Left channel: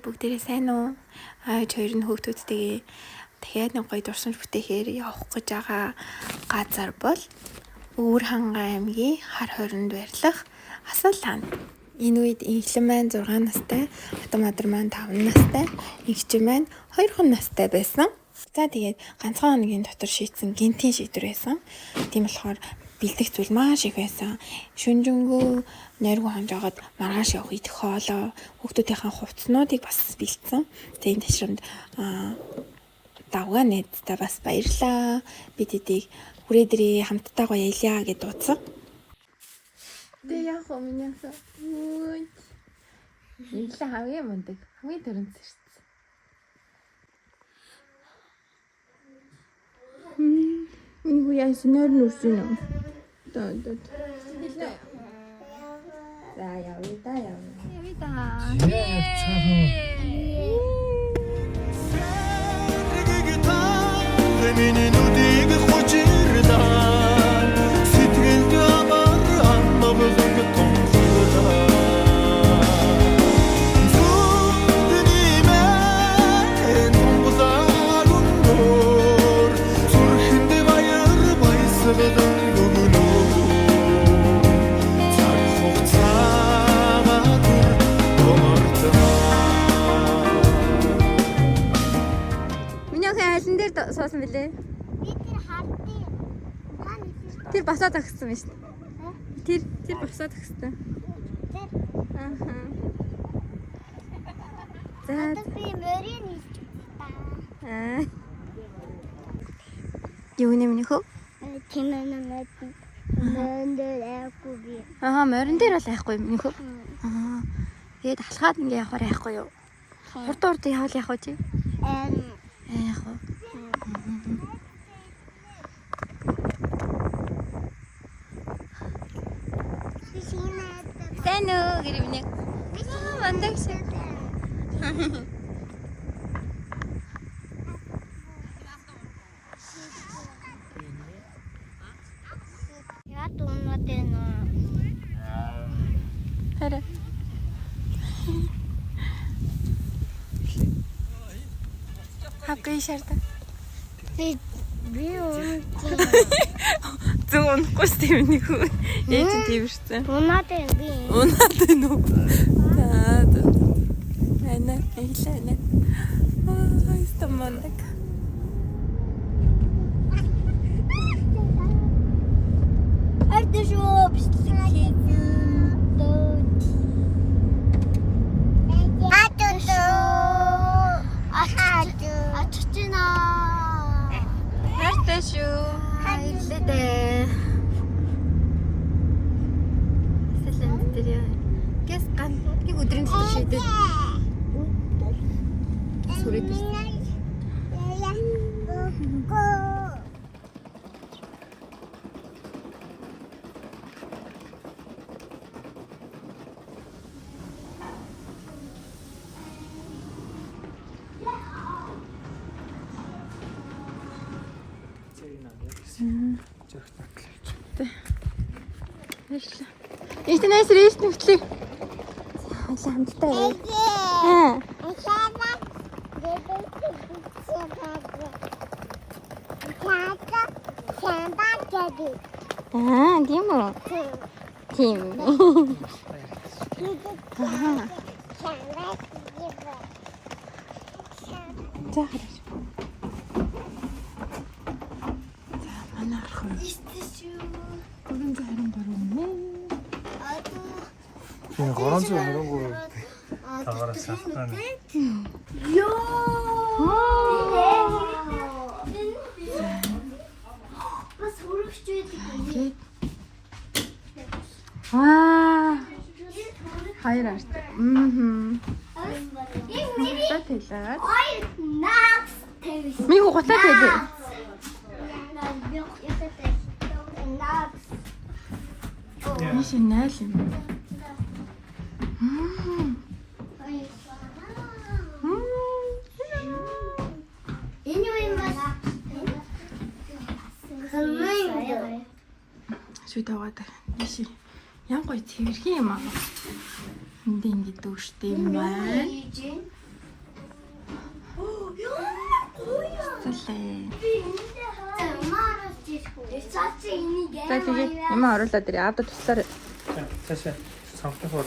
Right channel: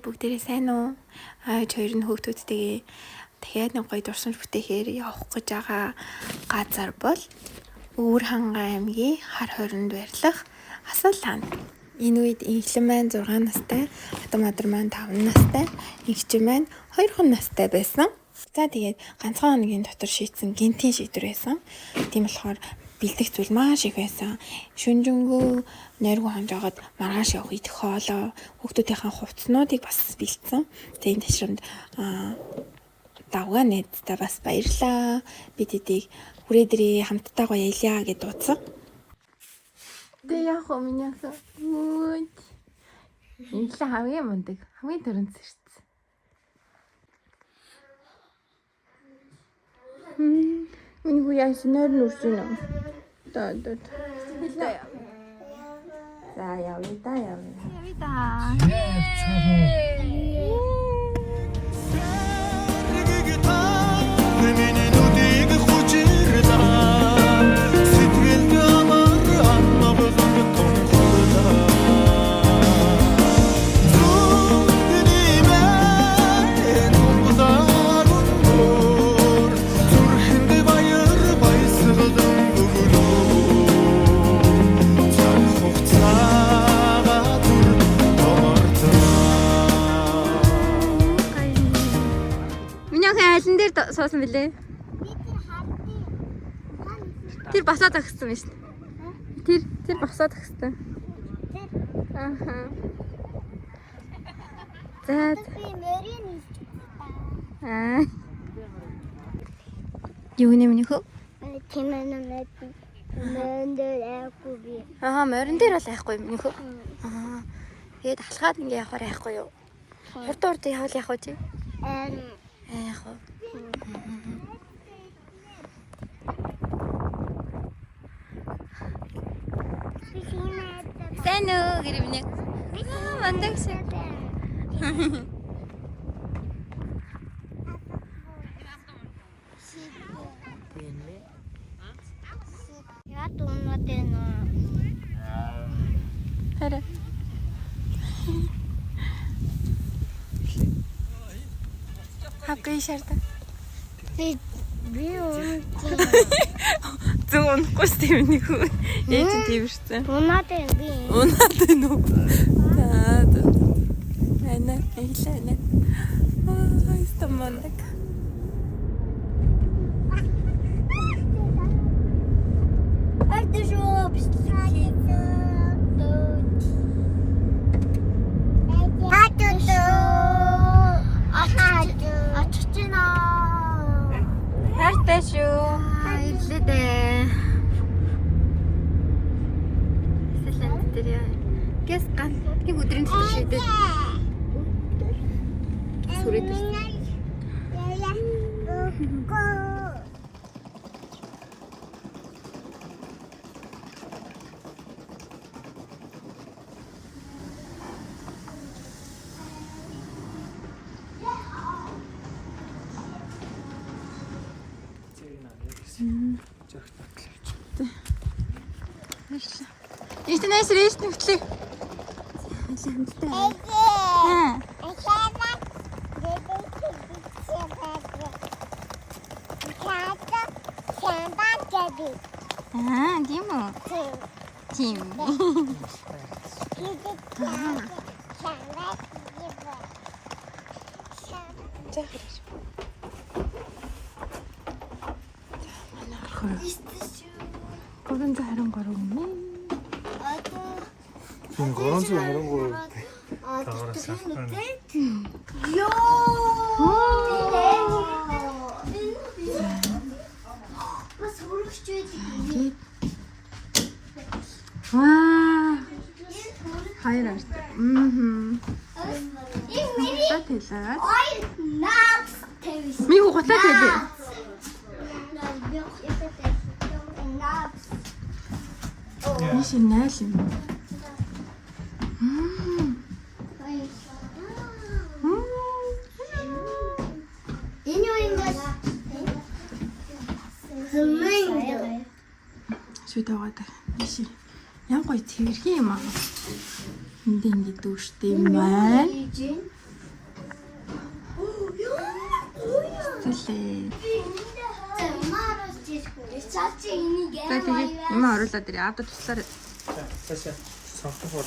Бүгдээрээ сайн уу? Хоёр нь хүүхдүүдтэйгээ дахиад нэг гоё дурсамж бүтээхээр явах гэж байгаа газар бол Өвөр Хангай аймгийн Хар хорионд байрлах Асал хаан. Энэ үед инхлэн маань 6 настай, Атам Адар маань 5 настай, инхчин маань 2 настай байсан. За тэгээд ганцхан хоногийн дотор шийдсэн гинтийн шийдвэр байсан. Тийм болохоор бэлдэх зүйл маш их байсан. Шүнжэнгөө нойргүй хонжоогод маргааш явах идэх хоолоо, хүүхдүүдийнхээ хувцснуудыг бас бэлдсэн. Тэгээд энэ ташрамд давгаа найздаа бас баярлаа. Бид эдийг хүрээдрээ хамттайгаа яльяа гэж дуудсан. Тэ яах вэ минь яасан? Ой. Энэ хамгийн мундаг, хамгийн төрөнц шүү дээ. Энэ хүү яасан нэр нүрсэн юм. За явна. Миний нүдийг хучирдаа сэтгэлд амар аннавлан тонхорлоо зүгний мэн тонхозаар өнгөр зүрхэнд баяр баясгалан гөгнөө цаг хугацаага түр томортмаа. Миний хайлан дээр суусан билээ. Тэр басаад өгсөн юм шүү дээ. Тэр басаад өгсөн. Ааха. За. Юу нэмнэ хөө? Морин дээр бол айхгүй юм нөхөө. Тэгээд алхаад ингэ явахаар айхгүй юу? Хурд явал яах вэ чи? Яах вэ? Сайн уу гэрэмнэ. Мандах шиг. Хараа. Хапгий шарда. Би Зөв унахгүй шүү дээ миний хүү. Яаж тийм шээ. унаад би. Унаад нү. За. Ana, Ana. Ay, está mandak. Arte şu bisiklet. Este no es el este. Ah, gimo. Kim. 그런지 이런 거로네. 지금 그런지 이런 거를 다 알았어. 와, hayır artık. Çok güzel. Миний хүү гутаа тэлээ. Ниш нааш юм. Сүтэйгээд ниш ян гоё цэвэрхэн юм аа. Энд ингэ дүүштэй юм байна. Тэсээ. За тэгээ юм оруулаад ирээ. Аавда туслаарай. Таашаа сонгох уу.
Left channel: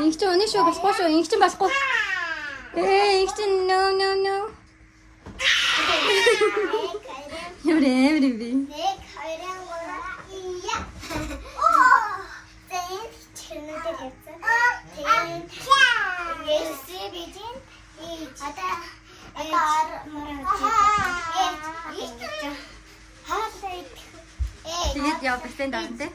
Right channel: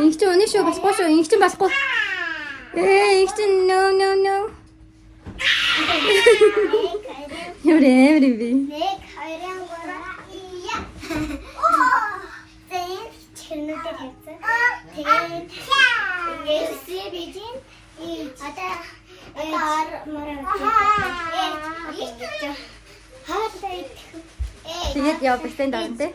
Ингч өнөө шүү болохгүй шүү. Ингч болохгүй. Ингч no. Ёрэ би. Тэгээд явдаг тань дараа тий.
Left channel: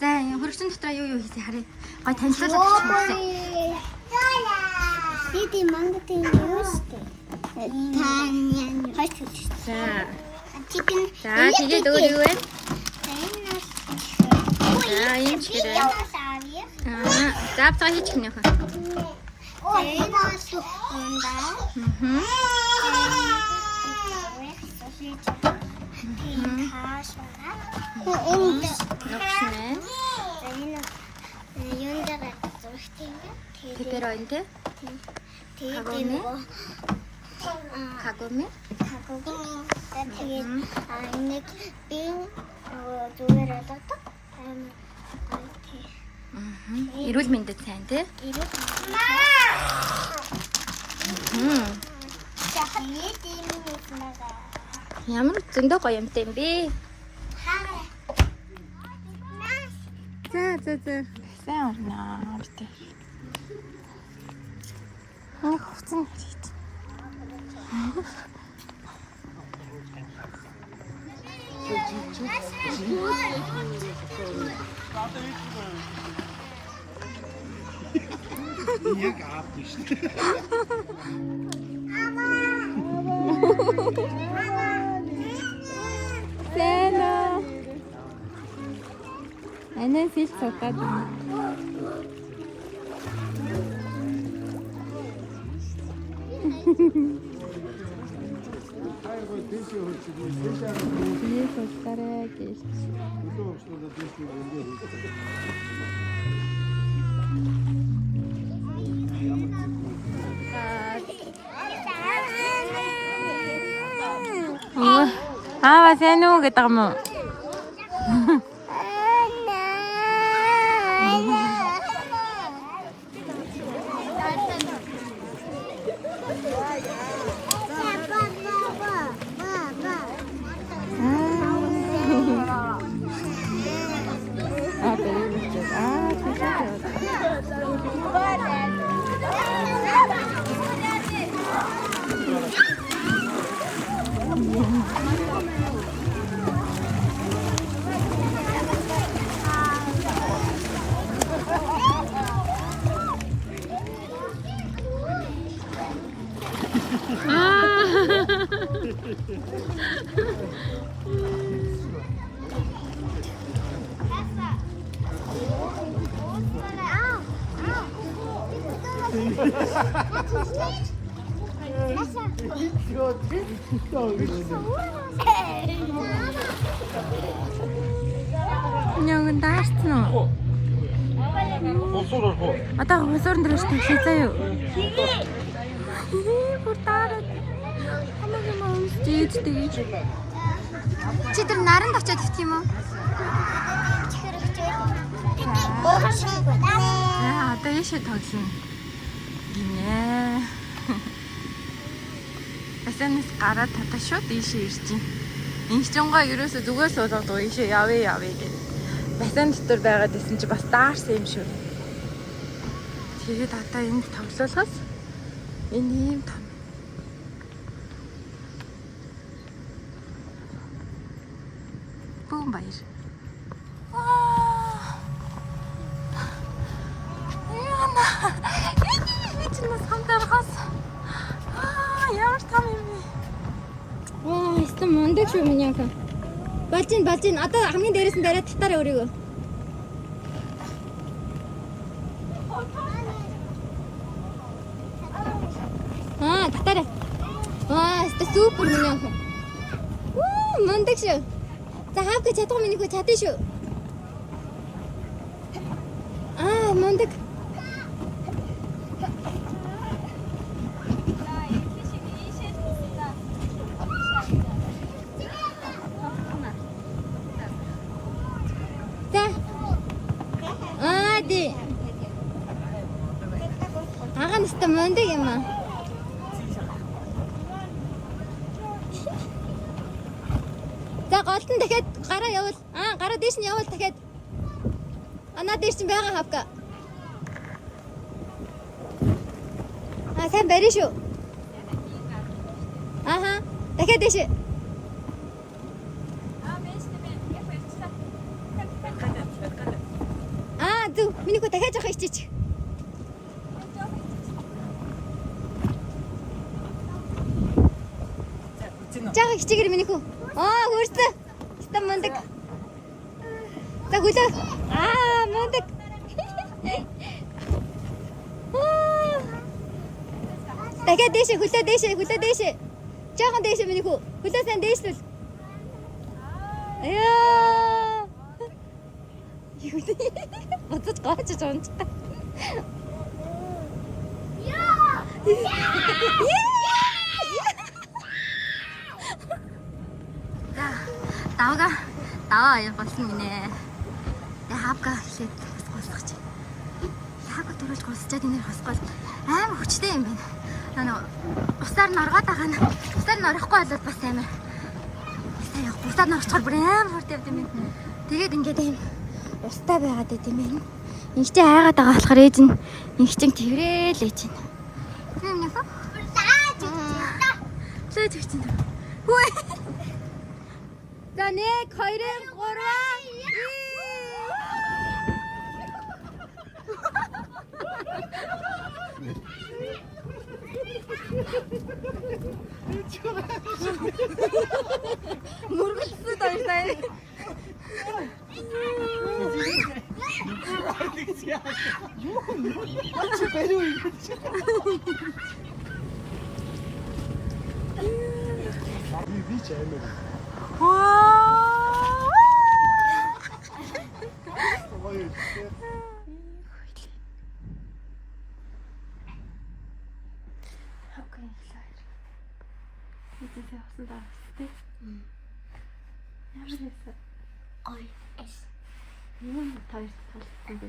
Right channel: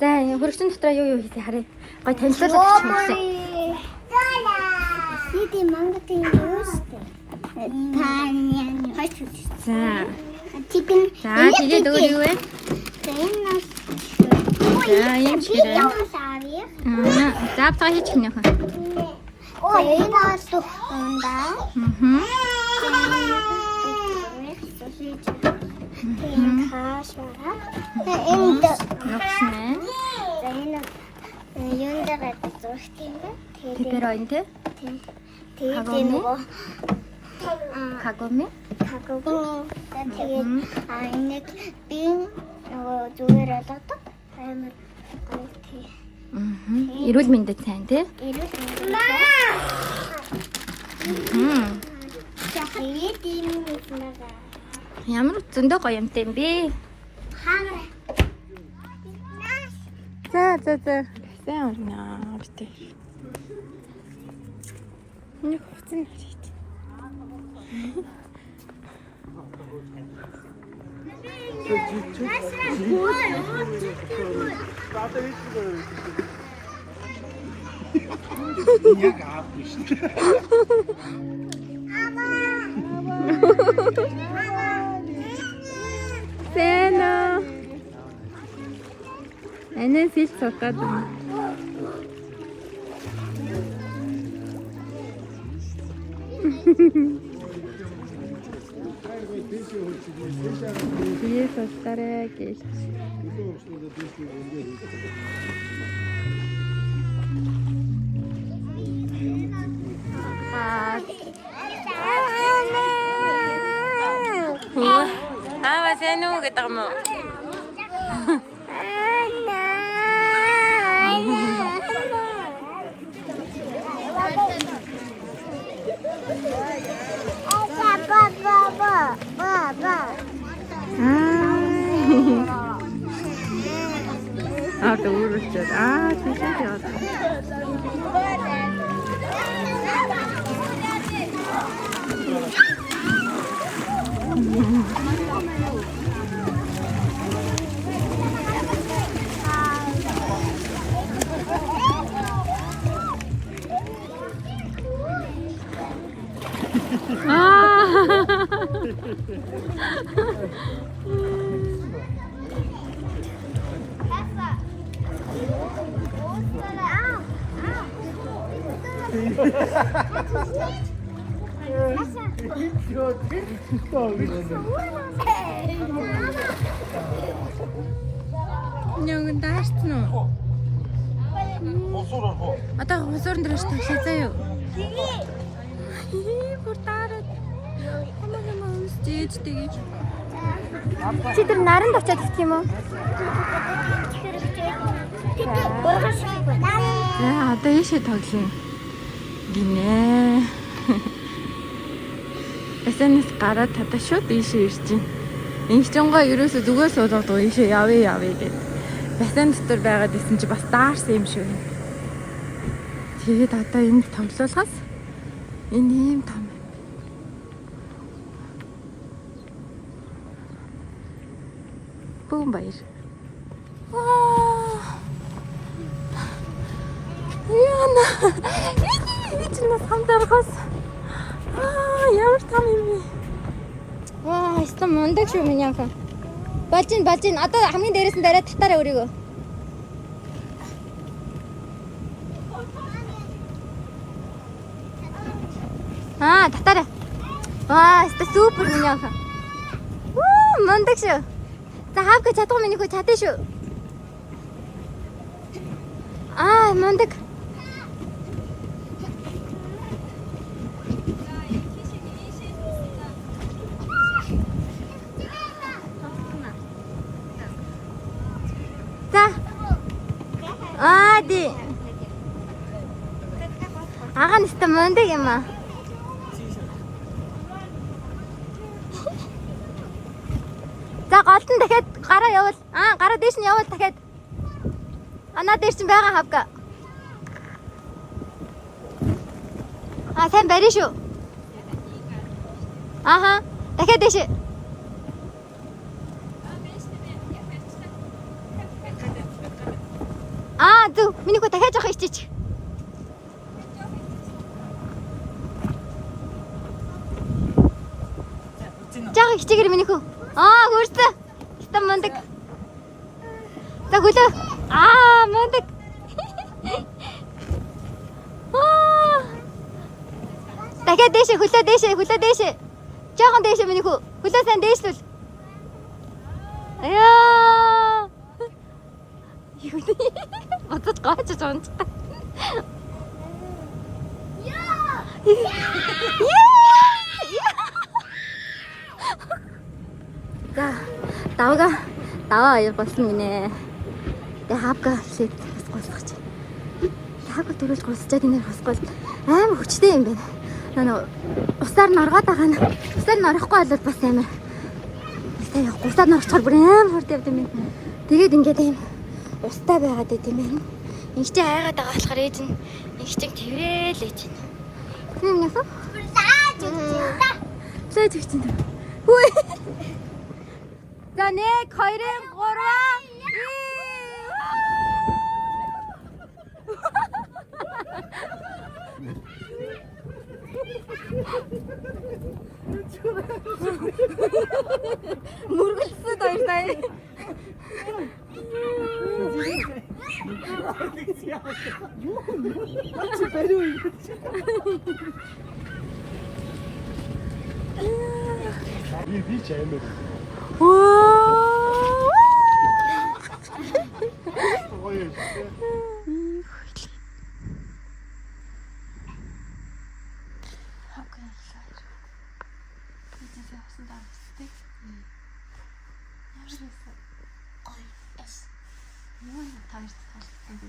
За хөрөгчн дотроо юу хийсэн харъя. Гой танилцуулаад өгч мэгсэн. Бид мангатын юу штэ. Таня хойч. За. Chicken. Тэгээд өөр юу вэ? Тэнэс. Ийм ч Би яа савья. За та хийчих нэ хаа. Тэнэс унда. Кагоми. Эрүүл мэндэд сайн тий. Ямар зөндөө гоё юмтай юм бэ? За. Сайн байна. Ортой. Хувцсан хийх. Сена. Энэ сил цотаад байна. Бие состараа гэж. Аа, сайн уу гэдэг юм уу? Няган даарсан уу? Хосоор хоо. Одоо хосуурн дээрээс хийх заяа. Чи тэр наранд очиад ивчих юм уу? За одоо ийшээ тоглоно. Гинэ. Эсэнэс гараад татаа шууд ийшээ ирж байна. Инхчонгоо ерөөсө зүгээс суулгаад ийшээ явъя гэд. Басан дотор байгаад исэн чи бас даарсан юм шиг. Тэгээд одоо энд тоглоулахаас Энэ том. Бүүн баяр. Яна. Эцнээс хамтархаас. Ямар том юм бэ? Ваа, стом мундаг шүү миний анхаа. Болж ин. Одоо хамгийн дээрээс нь дараад татаараа өрийгөө. Татаараа. Ваа, супер миний анхаа. Мундаг шүү. За хаавга чадах миний хөө чадсан шүү. Мундаг. Ди. Аганаста мундаг юм аа. За голтон дахиад гараа явуул. Гараа дээш нь явуул дахиад. Анаа дээш нь байгаа хавка. Сайн барь шүү. Дахиад дээш. Зүг. Миний хөө дахиад жоох ичиж. Жаа хичээгэр миний хөө. Хөрсөн. Стам мундаг. За гүлээ. Мундаг. Дахиад дээш, хөлөө дээш. Жоохон дээш миний хөө. Хөлөө сайн дээшлүүл. Бодож гооч онц. Даваа аяг болсон гинэ. Тэ хавга хэлээд хасгуулах чи. Хавга төрүүлж госчаад инээр хасгуул амар хүчтэй юм байна. Усаар нь оргоод байгаа нь. Усаар нь орохгүй болоод бас амар. Тэ усаар нь орчихор бүр амар хурд явд юм. Тэгээд ингээд юм устай байгаад байт юм байна. Инхтэй айгаад байгаа болохоор ээж нь инхчин тэрэл ээж нь. Тийм ясаа? Заач чинь. Хүй. За 1 2 3. Мөргөлсөд байртай. Таарч таалагдсан бэ?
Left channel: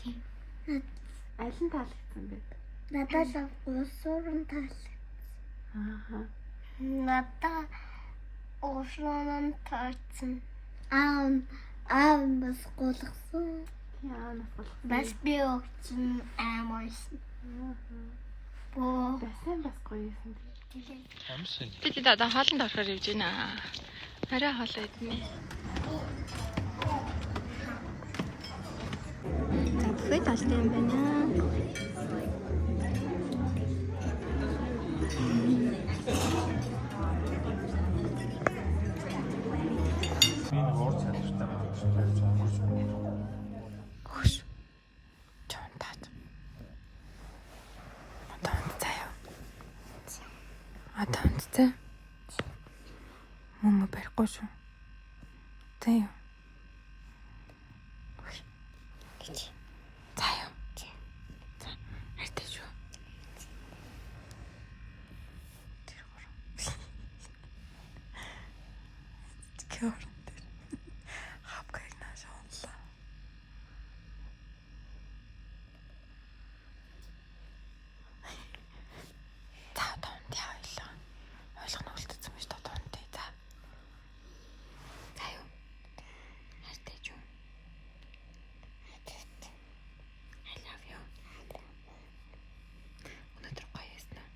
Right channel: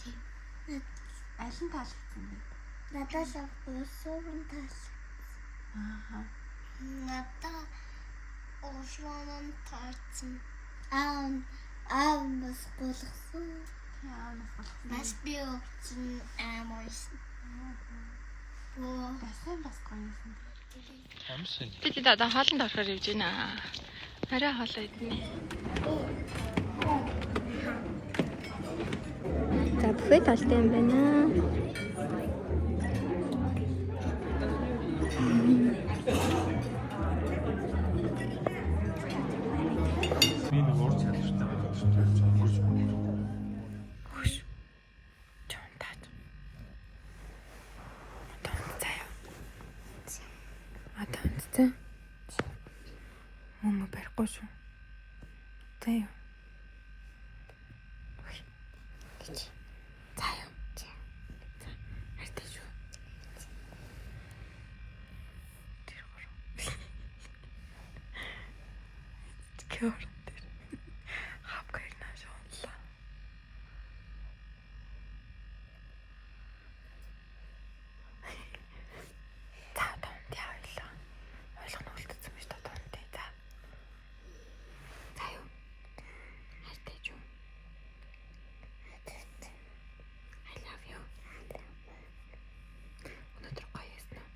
Тийм. Аль нь таалагдсан бэ? Надад уусурын таалагдсан. Надад уусурын таалагдсан. Бас голгсон. Тийм, бас голгсон. Бас би өгсөн амарсан. Басан бас гоёсэн. Амсын. Тэд одоо хоолнд орохоор явж байна. Арай хоолоо идэнэ. За бүхэл талтай юм байна. Энэ өөр цааштай Хош. Чонтаад. Одоо үнтэй. Мама барихгүй шүү. Заяа. Заяа. Хайртай шүү. Тэр гоо. Кёр. Хапкай наашаалла. За тоонд яваалаа. Ойлгоно үлдсэн байж тоонд тий. За. За юу. Хайртай шүү. I love you. Өнөөдөр гоё яснаа.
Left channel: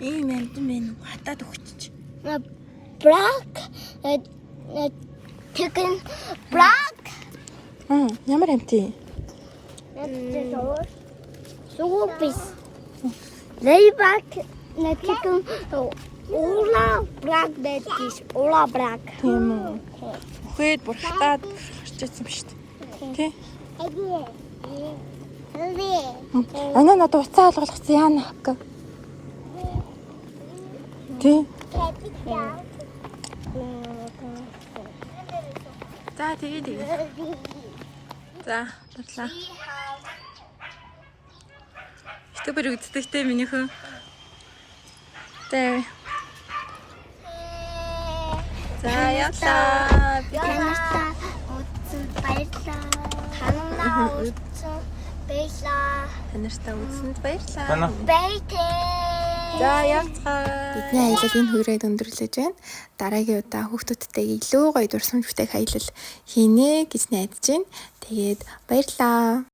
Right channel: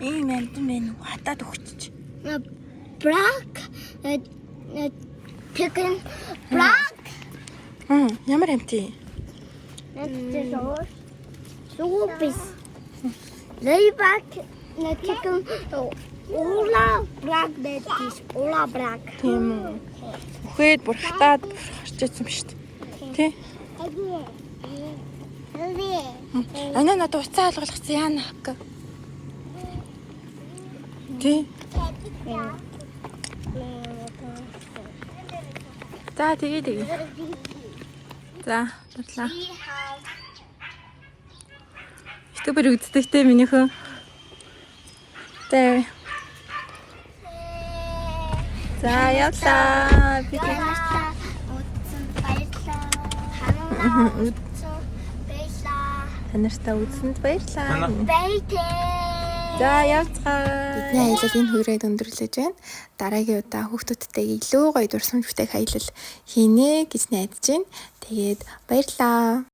Ийм амтан байна уу? Хатаад өгчих. Black. Chicken. Black. Ямар амтын? Soupis. Layback. Chicken. Ola black. That is Ola black. Тийм үү. Үхээд бүр хатаад орчихсон ба шүү дээ. Тий? Ана надад уцаа алгалгацсан яана хак. Тий? За тэгээ. За, баярлалаа. Ступер үздэхтэй минийхөө. Тэ. За явлаа. Танартай утсан баярлаа. Танартай үзсэнд баярлалаа. За явцгаа. Бидний аялал энэ хүрээд өндөрлөж байна. Дараагийн удаа хүүхдүүдтэйгээ илүү гоё дурсамж бүтээх аялал хийнэ гэж найдаж байна. Тэгээд баярлалаа.